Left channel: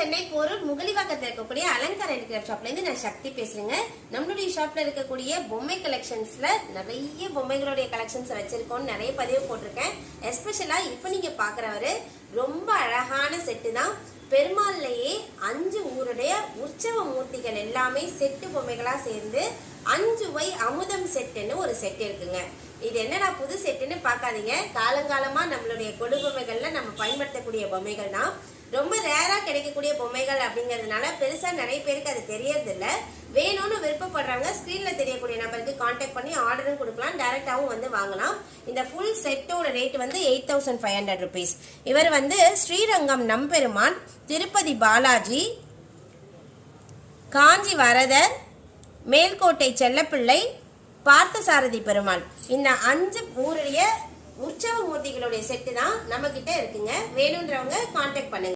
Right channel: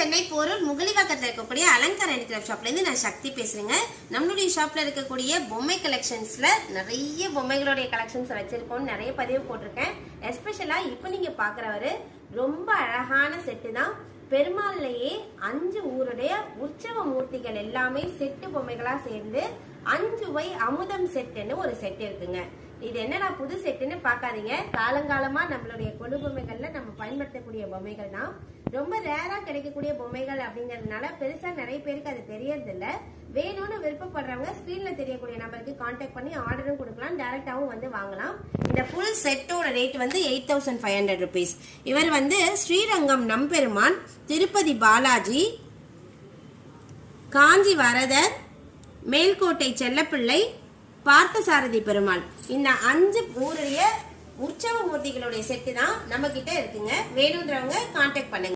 சென்னை போரூர் முகலிவாக்கத்தில் இருக்கக்கூடிய அலங்கார ஹேண்டிகிராஃப்ட் ஷாப்ல இருந்து நான் சக்தி பேசுறேங்க. நம்மளுடைய ஷாப்ல இருக்கக்கூடிய பொம்மை கலெக்ஷன்ஸ்ல நிறைய பொம்மைகளுடைய கலெக்ஷன்ஸ் வச்சிருக்கோம். நிறைய பதிவு போட்டிருக்கேன். எஸ்பெஷலா இப்ப நீங்க பாக்குறவரு ரொம்ப அழகான செட்டு தான். பெருமாள்லயே 5 ஊருடைய உற்சவ மூர்த்திகள் எல்லாமே செட்டு பொம்மைகளா சேர்ந்து 5 அமுதம் செட்டுன்னு ஒரு செட் இருக்குங்க. இது என்னடா புது செட்டுன்னு பார்க்காதீங்க. காலங்காலமா நம்மளுடைய கொடு பொம்மைகள்ல நம்ம பயன்படுத்தக்கூடிய பொம்மைகள் தான். ரொம்ப ரேரா கிடைக்கக்கூடிய பொம்மைகள் அப்படிங்கிறதுனால பெருசா நிறைய பேருக்கு அது தெரியறது இல்ல. வேணும்னு விருப்பப்படுறவங்க ஸ்கிரீன்ல தெரியக்கூடிய நம்பருக்கு கான்டாக்ட் பண்ணி ஆர்டரும் கொடுக்கலாம், டைரக்டாவும் வந்து வாங்கலாம். இந்த ஃபுல் செட்டோட ரேட் வந்து 8500 rupees. இவர் வந்து ஸ்ரீரங்கம் நம்பெருமான், திருப்பதி பாலாஜி, காஞ்சி வரதர், மேல்கோட்டை செல்லப்பிள்ளை, பார்த்தசாரதி பெருமாள், இந்த 5 ஊருடைய உற்சவ மூர்த்திகளுடைய செட்டு தான் நம்ம கிட்ட இருக்குங்க. வேணுன்றவங்க கான்டாக்ட் பண்ணுங்க.